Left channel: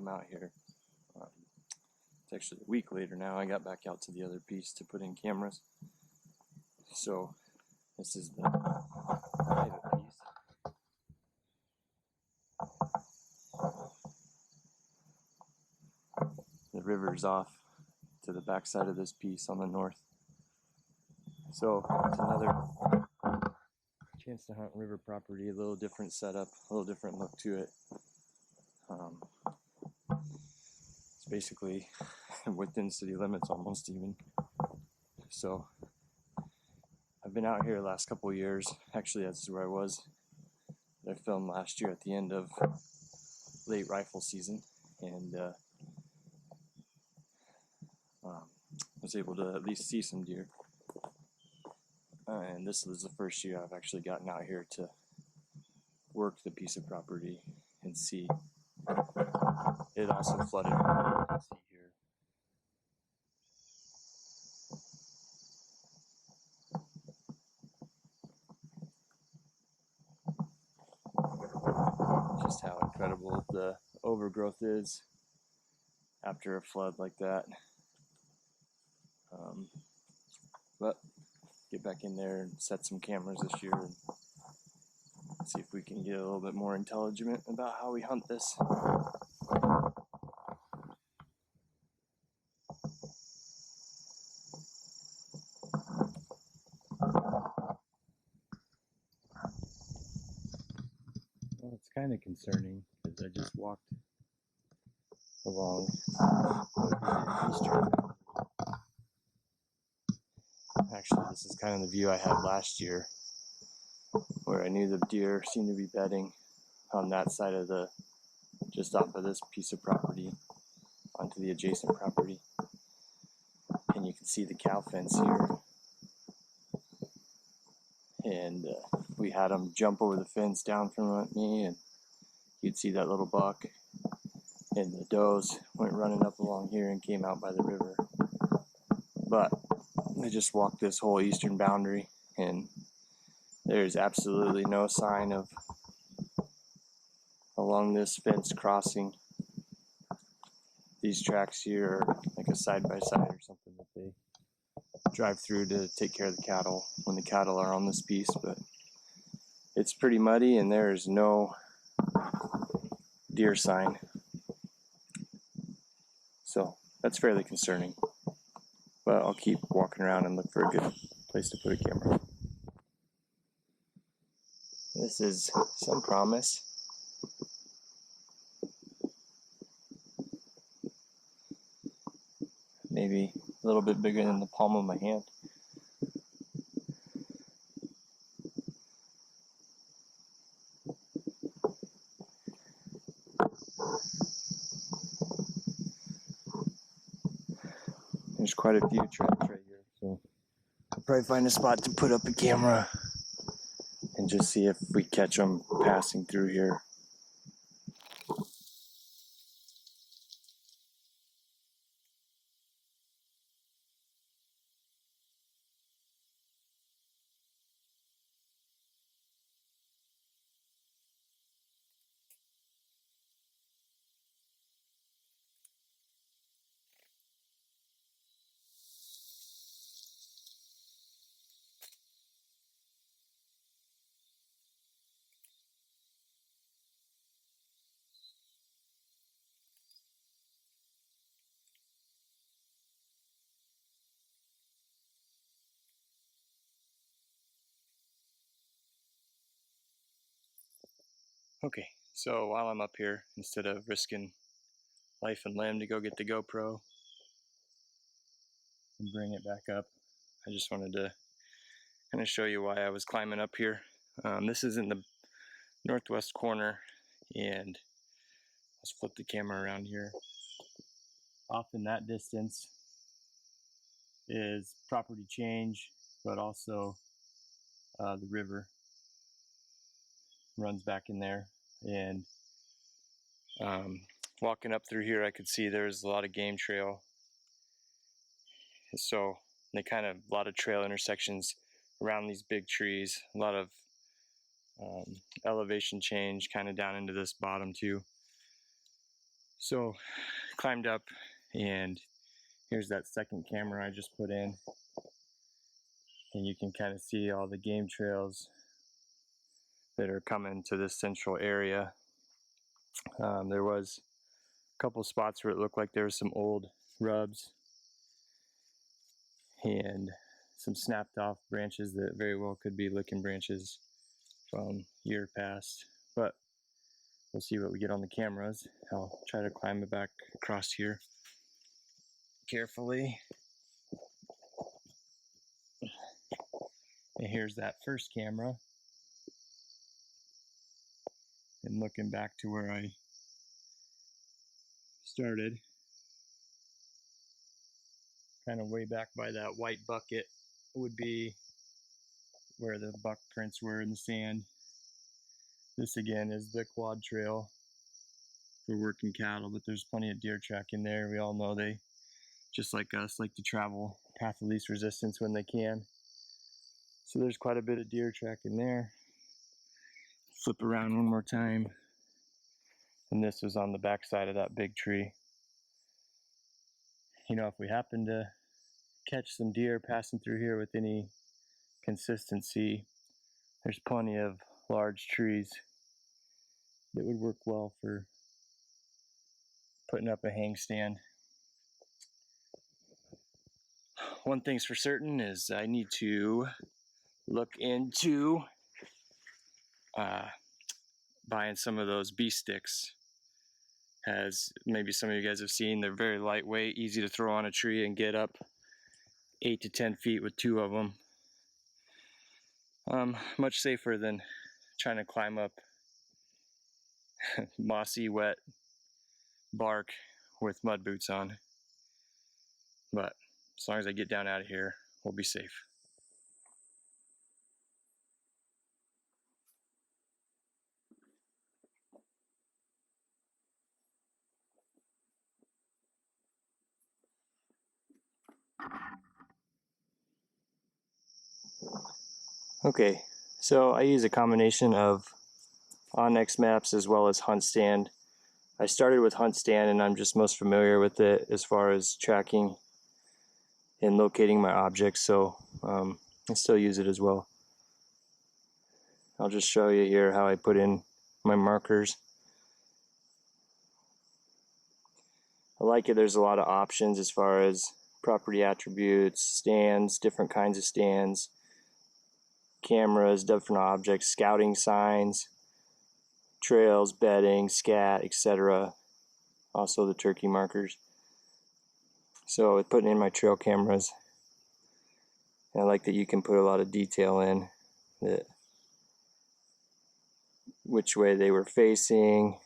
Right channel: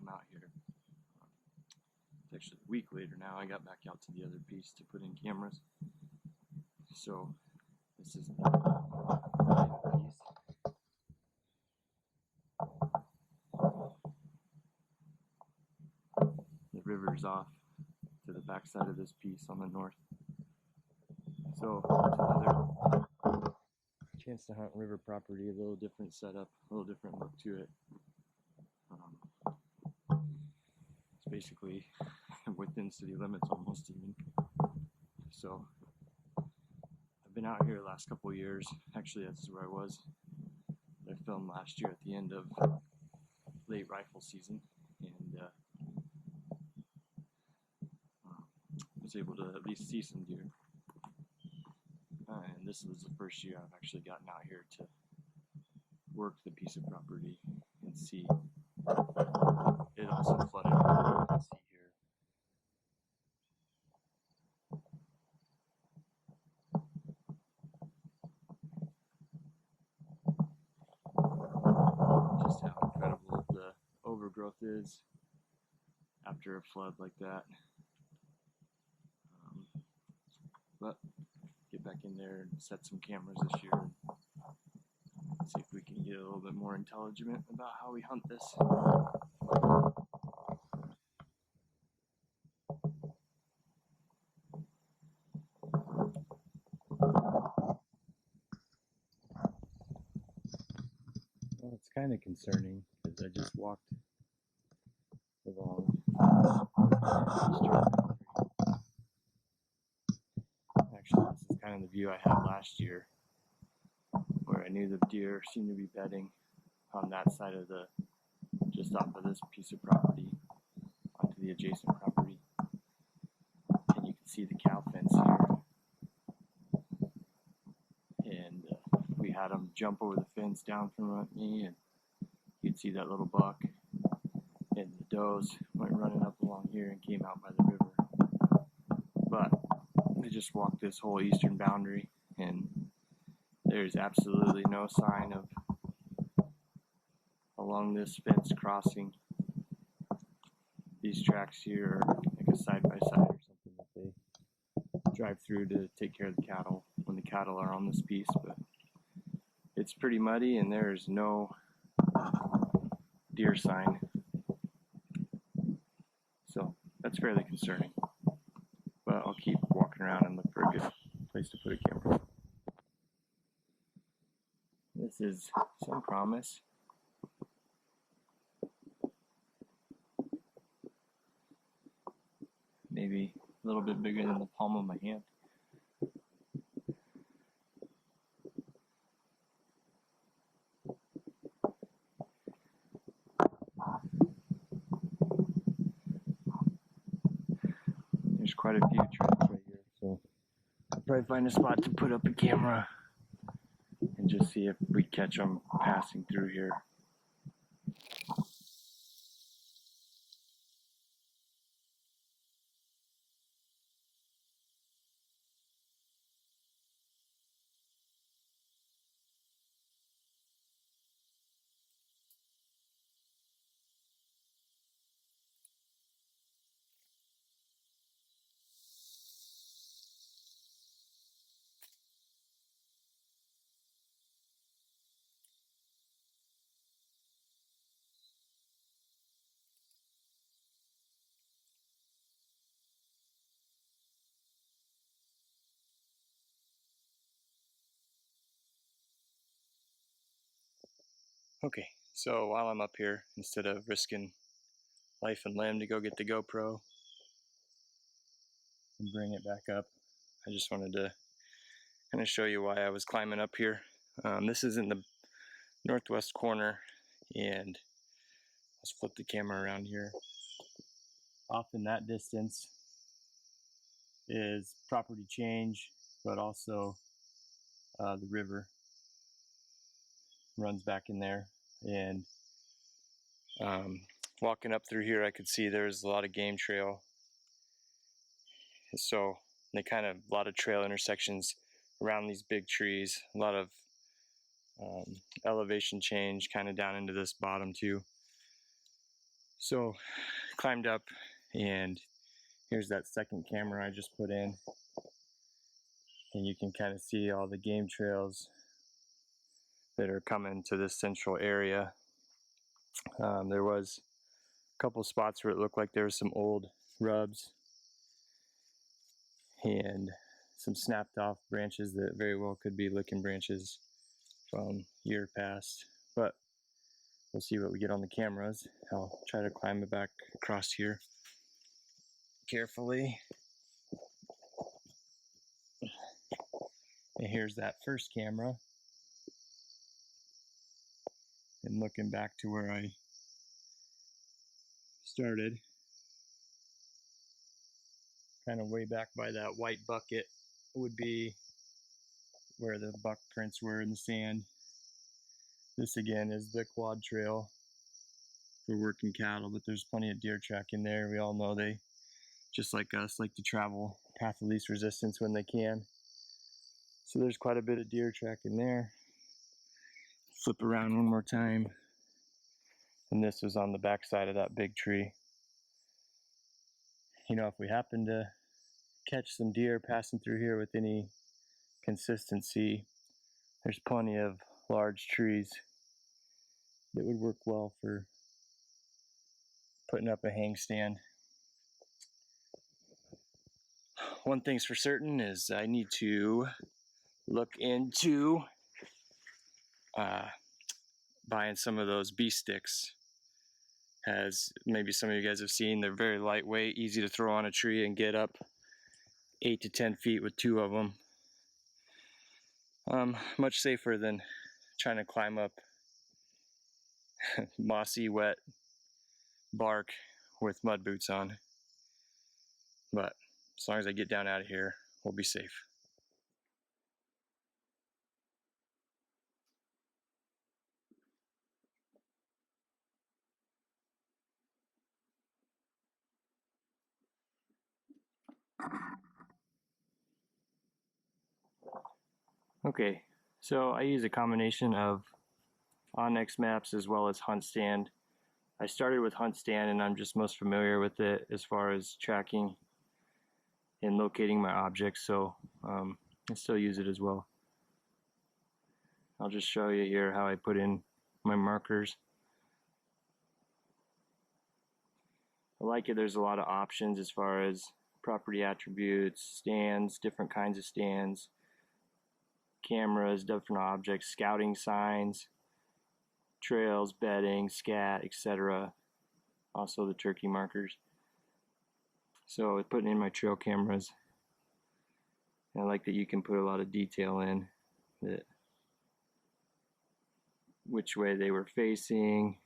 I'm out here. It's actually a week later now. I got back out to the other piece to put in cameras. So this is the private piece. The river's off to the backside of this piece on the north. So it's another chance to hunt river property, a little different setup, a little different look to it. It's basically within city limits almost even. So I've been out here the last couple of years. Actually, that's where I was. I filmed last year at the end of late rifle season, and was able to at least see some deer. And this is the first year I've actually gotten out here to work the piece of property and see. It also flooded. You can see here. Just how incredible the overgrowth is after a flood like that. But get back in there and set some cameras this year and see if we can get a little bit more intelligent about how we hunt this. Well, it's kind of concerning because I just walked along the eastern boundary. Actually, this is kind of the view I had last year, where I knew the deer seemed to be bedding on that side of the, just off of this piece of property onto the adjacent property. And you can see the cow fence here. And we had them jump over the fence down from me, and you'd see that little buck. And the does went running up along here and came out by the river. But I just walked this whole eastern boundary, and there's absolutely no sign of along this fence crossing. These tracks here are like a side-by-side or something that they drive through to take care of the cattle when the cattle are on this piece. But it's pretty muddy, and there's no deer sign. So that's fairly concerning. But I'll keep walking around and look for a good place to put a camera. This is some promise. Maybe a little bit bigger than the palm of my hand. There's quite a few tracks right here, so I'll probably find a spot to put up a camera and just see if we catch them passing through here. Okay, so while I'm up here, instead of risking life and limb to go get the GoPro and bring it back up, I just wanted to kind of show you why I was climbing up here. This is in the northwest corner, and let's flip the camera around here. Off in that distance is property change, but also the river runs back in there. And walking up through here, I could see there's a lot of game trail. So they kind of, a lot of trail intersections around these big trees, a lot of elevation change kind of down into this bottom too. So climbed up, and here's that second camera I just put in, and you can kind of see all the game trails that are coming to this central area. There was a couple spots where it looked like there was some old rubs and some snapped off branches that very well could be licking branches from year past, but we'll see what we get on the cameras. I'll try to climb it back across here carefully. And here's that first camera. And looking back to where I started, kind of way back by that white bucket would be where the buck prints were in the sand. This again is the quad trail for working cattle, but there's plenty of deer track in there. We all know they, just like us, like to travel path of least resistance when they can. So there's quite a bit of deer track in there. Flip around one more time. And this was on the back side of that big tree. You know, if we happen to catch some deer passing through here with any consistency, there's plenty of large trees that would work well for putting up a hang stand. One thing's for certain is I need to look into buying some of those bee sticks. As maybe some of you guys have seen, they're very lightweight, easy to throw on a tree and get up 8 to 10 feet with 2 of them. Much safer than trying to climb up mossy, wet bark with mud boots on. But as long as I get down out of here, we'll be safe. Okay, so I use a combination of Onyx maps as well as Hunt Stand. I started with Hunt Stand and I'm just most familiar with it as far as tracking and locating my objects, so I still use it as well. I'll just show you here how I put in my markers. I like it. There's a lot of options as far as property attributes, stands, different kinds of stands, cameras, different objects, scouting signs, trails, bedding, scat, etc. Also the turkey markers. So with putting in my trail cameras, I like that you can put a lot of detail in, that which way they were facing,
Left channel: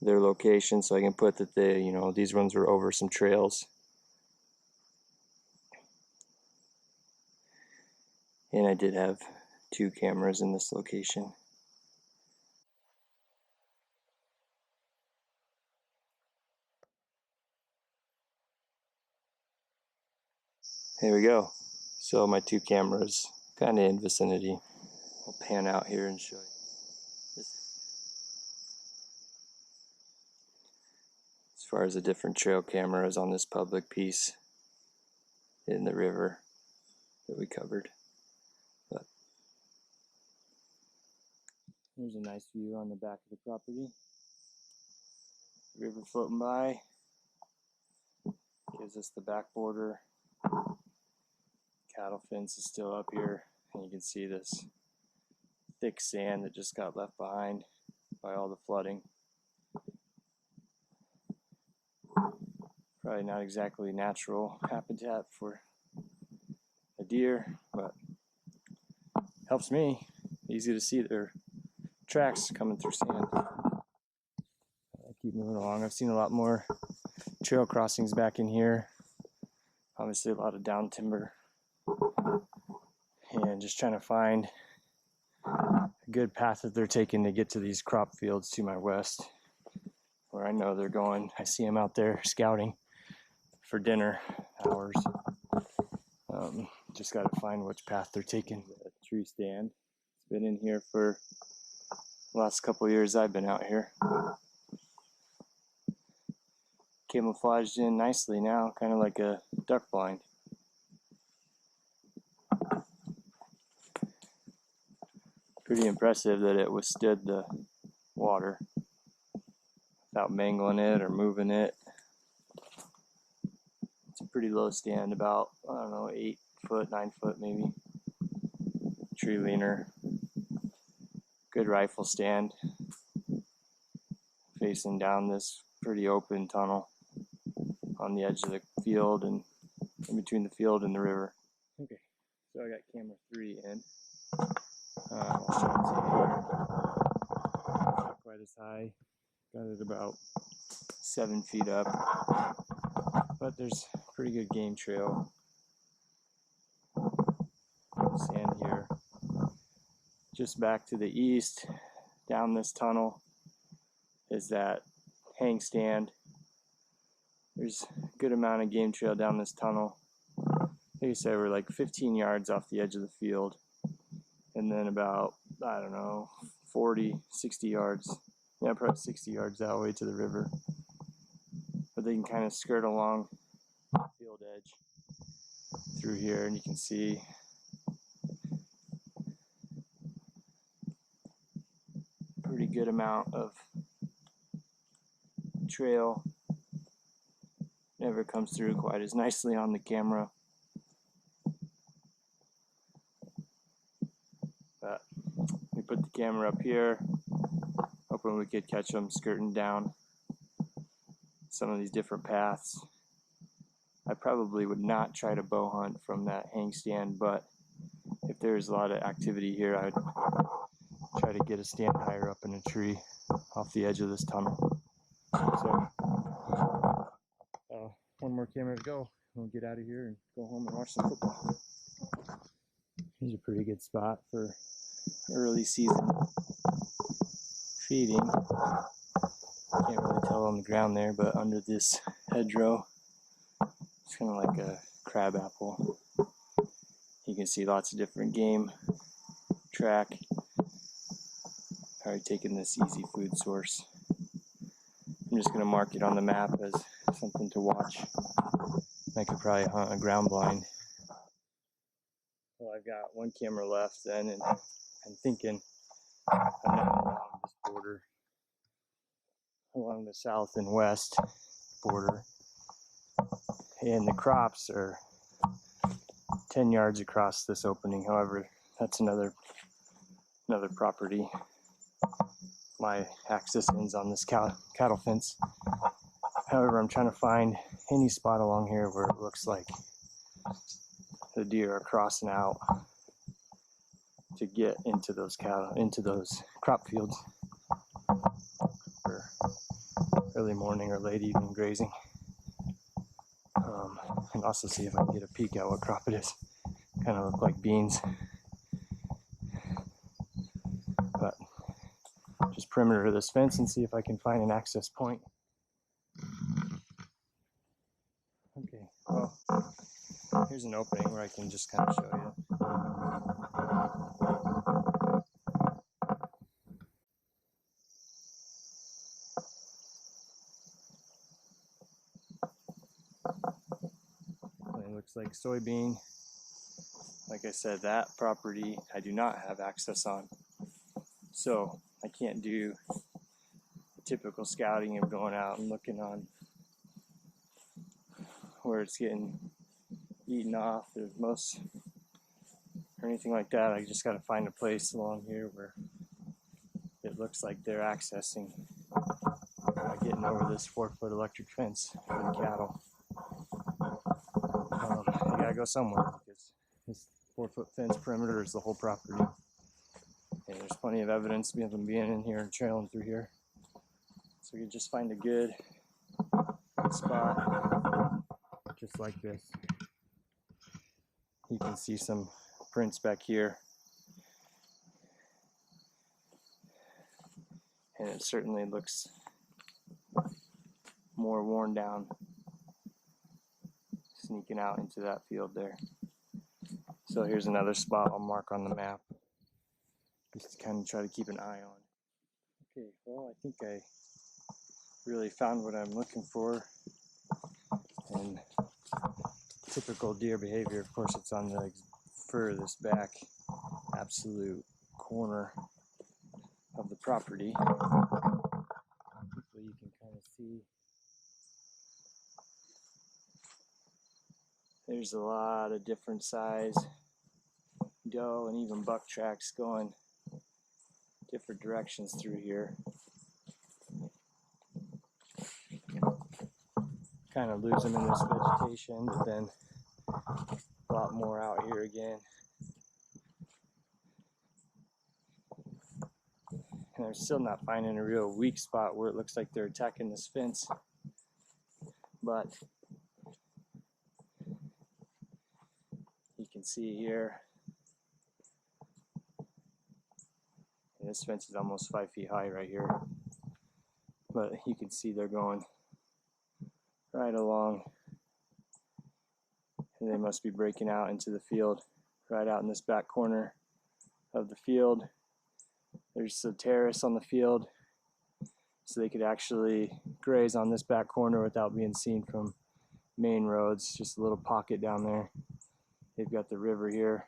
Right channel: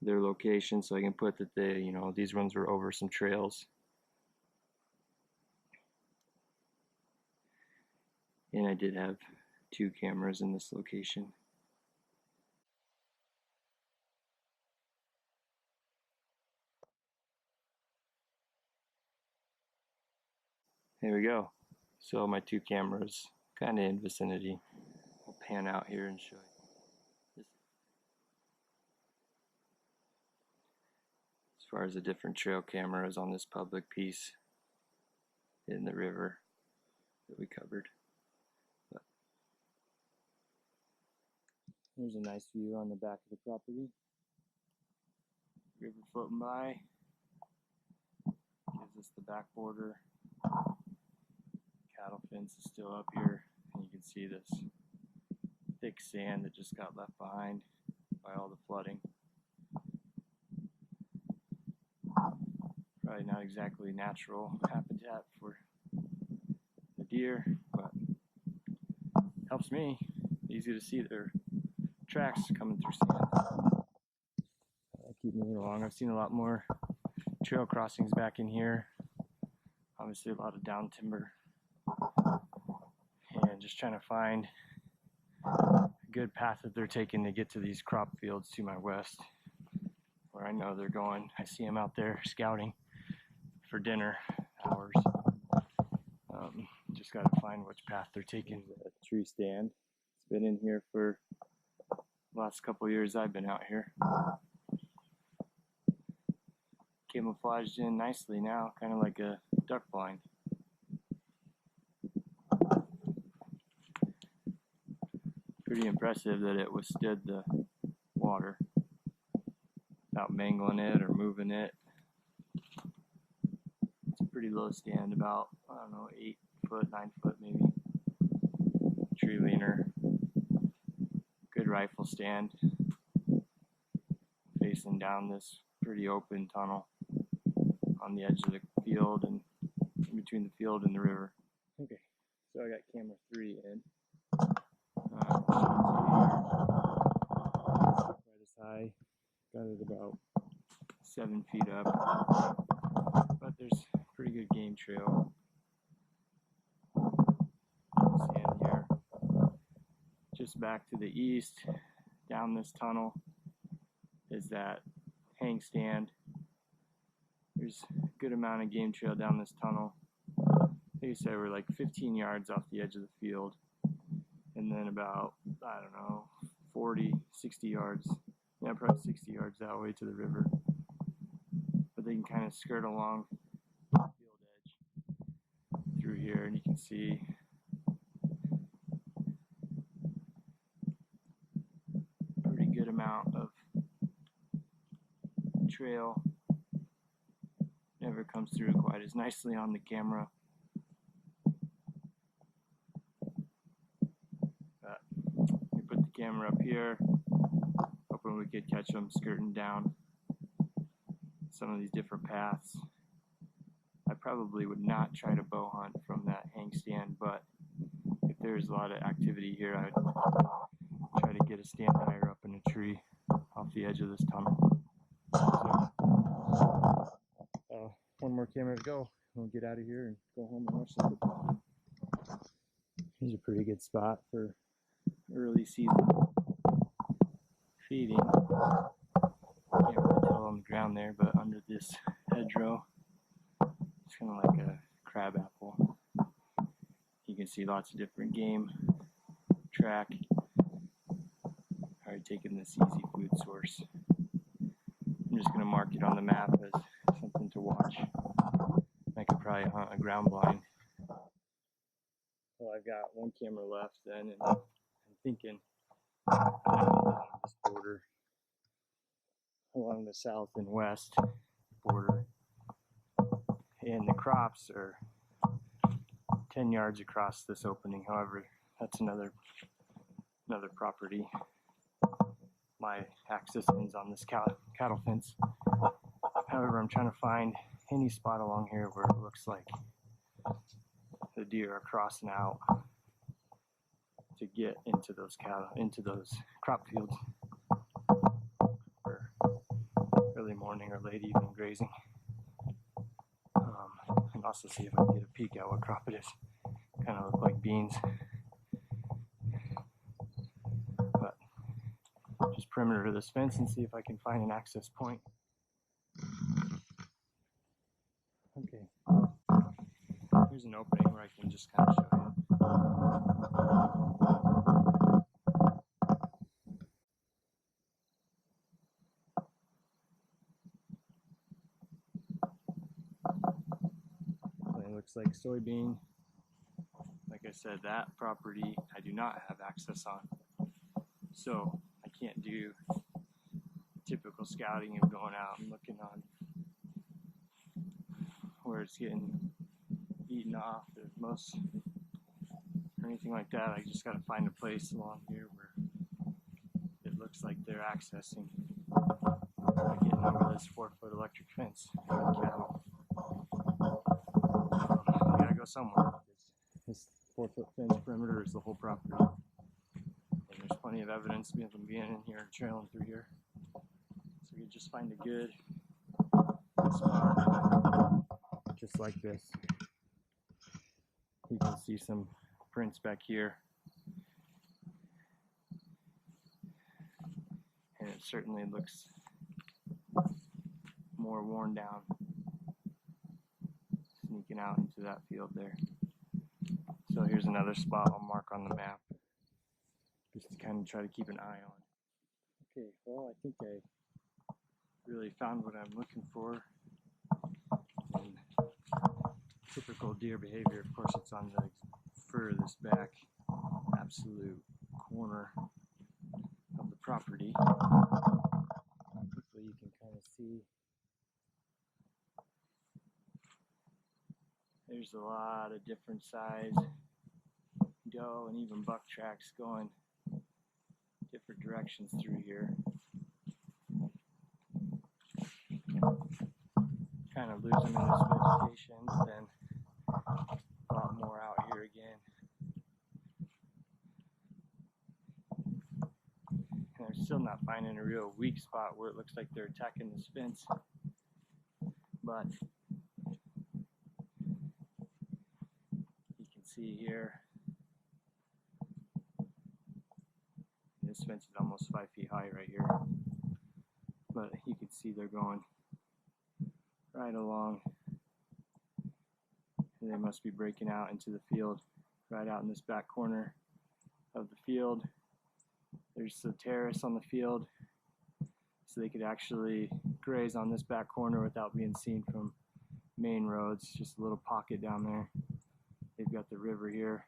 their location, so I can put that they, you know, these ones were over some trails. And I did have 2 cameras in this location. There we go. So my 2 cameras kind of in vicinity. I'll pan out here and show you. As far as the different trail cameras on this public piece in the river that we covered. But here's a nice view on the back of the property. River floating by. Gives us the back border. Cattle fence is still up here, and you can see this thick sand that just got left behind by all the flooding. Probably not exactly natural habitat for a deer, but helps me. Easy to see their tracks coming through sand. I keep moving along. I've seen a lot more trail crossings back in here. Obviously a lot of down timber. And just trying to find a good path that they're taking to get to these crop fields to my west, where I know they're going. I see them out there scouting for dinner hours. Just got to find which path they're taking. The tree stand. It's been in here for the last couple of years I've been out here. camouflaged in nicely now, kind of like a duck blind. Pretty impressive that it withstood the water without mangling it or moving it. It's a pretty low stand, about, I don't know, 8 foot, 9 foot maybe. Tree leaner. Good rifle stand. Facing down this pretty open tunnel on the edge of the field and in between the field and the river. Okay, so I got camera 3 in. I'll show it to you here. Not quite as high. Got it about 7 feet up. But there's a pretty good game trail. The sand here. Just back to the east, down this tunnel, is that hang stand. There's a good amount of game trail down this tunnel. Like I said, we're like 15 yards off the edge of the field. And then about, I don't know, 40, 60 yards. Yeah, probably 60 yards that way to the river. But they can kind of skirt along the field edge through here, and you can see a pretty good amount of trail. Never comes through quite as nicely on the camera. But we put the camera up here, hoping we could catch them skirting down some of these different paths. I probably would not try to bow hunt from that hang stand, but if there's a lot of activity here, I'd try to get a stand higher up in a tree off the edge of this tunnel. So, one more camera to go. We'll get out of here and go home and watch some football. Here's a pretty good spot for early season feeding. Can't really tell on the ground there, but under this hedgerow, it's kind of like a crab apple. You can see lots of different game track. Already taken this easy food source. I'm just going to mark it on the map as something to watch. I could probably hunt a ground blind. Well, I've got one camera left then, and I'm thinking I'm now along this border, along the south and west border, and the crops are 10 yards across this opening. However, that's another property. My access ends on this cattle fence. However, I'm trying to find any spot along here where it looks like the deer are crossing out to get into those cattle, into those crop fields for early morning or late evening grazing. And also see if I can get a peek at what crop it is. Kind of look like beans. But just perimeter of this fence and see if I can find an access point. Okay, well, here's an opening where I can just kind of show you. It looks like soybean. Like I said, that property I do not have access on. So I can't do the typical scouting of going out and looking on where it's getting eaten off or most or anything like that. I just got to find a place along here where it looks like they're accessing, getting over this 4-foot electric fence for the cattle. You gotta go somewhere because this 4-foot fence perimeter is the whole property. And there's plenty of evidence of them being in here and trailing through here. So you just find a good spot, just like this. You can see some prints back here. And it certainly looks more worn down, sneaking out into that field there. So here's another spot I'll mark on the map, just to kind of try to keep an eye on. Okay, well, I think I really found what I'm looking for And typical deer behavior, of course, it's on the furthest back, absolute corner of the property. Hopefully you can kind of see. There's a lot of different size doe and even buck tracks going different directions through here. Kind of lose them in this vegetation, but then a lot more out here again. And I'm still not finding a real weak spot where it looks like they're attacking this fence. But you can see here, and this fence is almost 5 feet high right here. But you can see they're going right along. And they must be breaking out into the field right out in this back corner of the field. There's a terrace on the field, so they could actually graze on this back corner without being seen from main roads. Just a little pocket down there. They've got the river here,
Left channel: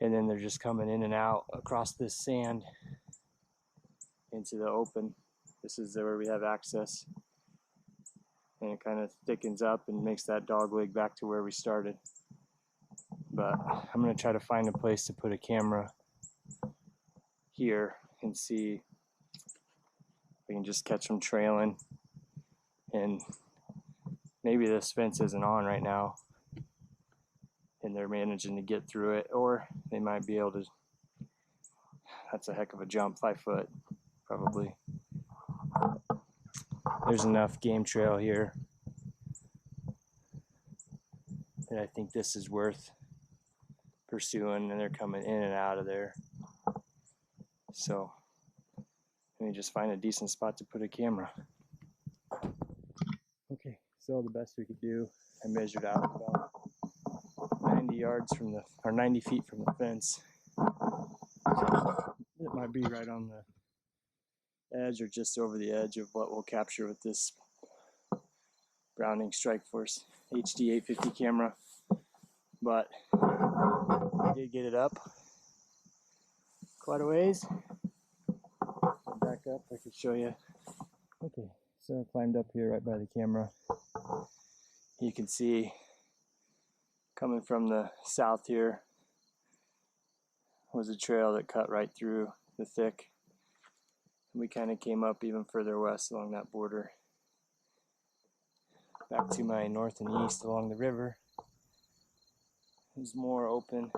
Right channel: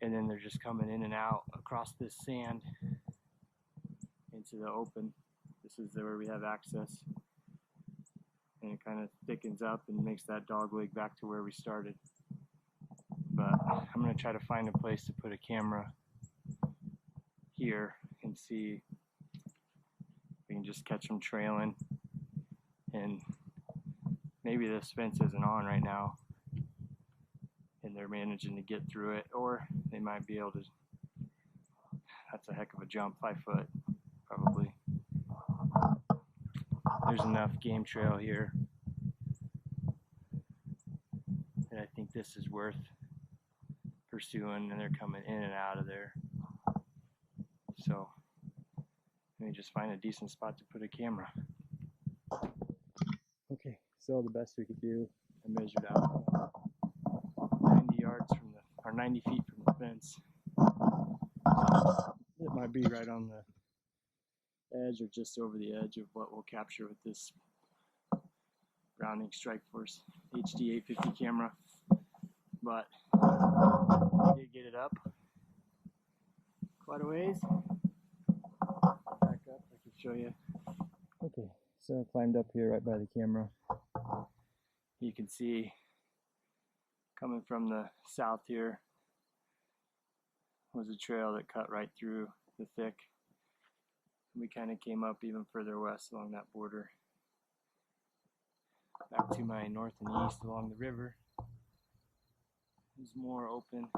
and then they're just coming in and out across this sand into the open. This is where we have access, and it kind of thickens up and makes that dog leg back to where we started. But I'm going to try to find a place to put a camera here and see if I can just catch them trailing. And maybe this fence isn't on right now and they're managing to get through it, or they might be able to. That's a heck of a jump, 5 foot probably. There's enough game trail here that I think this is worth pursuing, and they're coming in and out of there. So let me just find a decent spot to put a camera. Okay, so the best we could do, I measured out about 90 yards from the, or 90 feet from the fence. It might be right on the edge or just over the edge of what we'll capture with this Browning Strike Force HD 850 camera. But I did get it up quite a ways. Back up, I could show you. Okay, so I climbed up here right by the camera. You can see coming from the south here was a trail that cut right through the thick. We kind of came up even further west along that border. Back to my north and east along the river. There's more open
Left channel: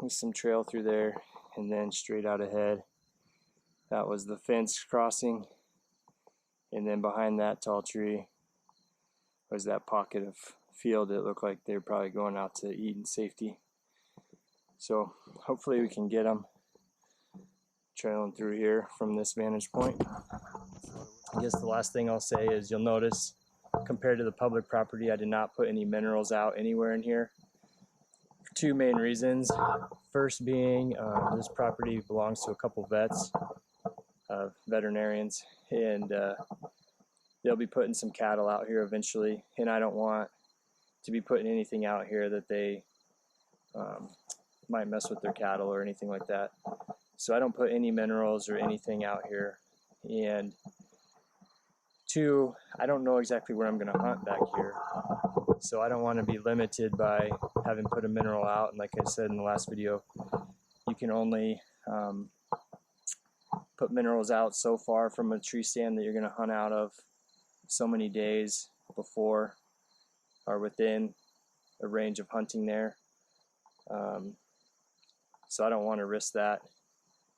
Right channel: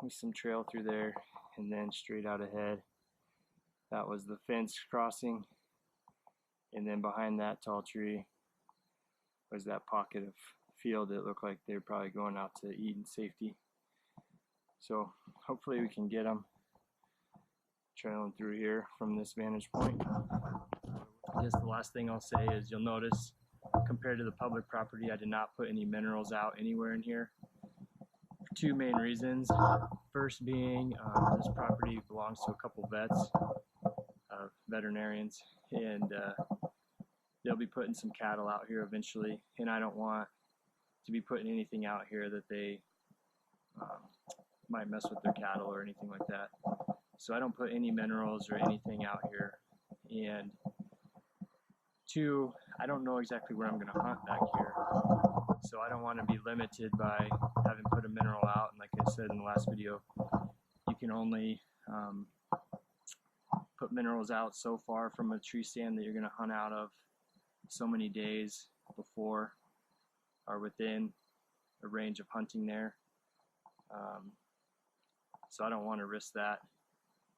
with some trail through there, and then straight out ahead that was the fence crossing, and then behind that tall tree was that pocket of field that looked like they were probably going out to eat in safety. So hopefully we can get them trailing through here from this vantage point. I guess the last thing I'll say is you'll notice compared to the public property, I did not put any minerals out anywhere in here for 2 main reasons. First being this property belongs to a couple vets, veterinarians, and they'll be putting some cattle out here eventually, and I don't want to be putting anything out here that they might mess with their cattle or anything like that. So I don't put any minerals or anything out here. And 2, I don't know exactly where I'm going to hunt back here, so I don't want to be limited by having put a mineral out. And like I said in the last video, you can only put minerals out so far from a tree stand that you're going to hunt out of so many days before or within a range of hunting there. So I don't want to risk that.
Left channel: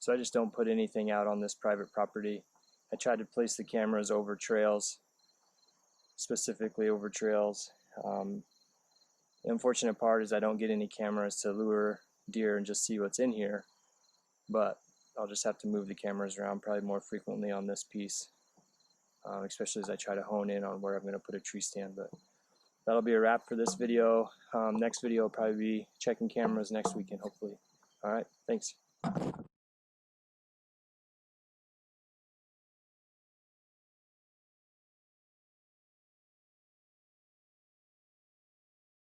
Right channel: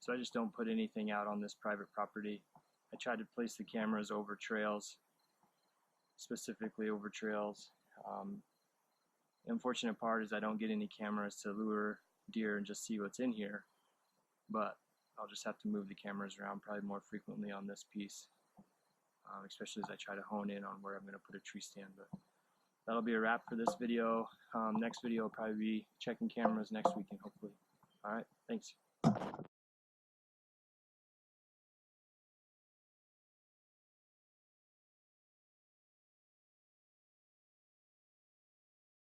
So I just don't put anything out on this private property. I tried to place the cameras over trails, specifically over trails. The unfortunate part is I don't get any cameras to lure deer and just see what's in here, but I'll just have to move the cameras around probably more frequently on this piece, especially as I try to hone in on where I'm going to put a tree stand. But that'll be a wrap for this video. Next video will probably be checking cameras next weekend, hopefully. All right, thanks.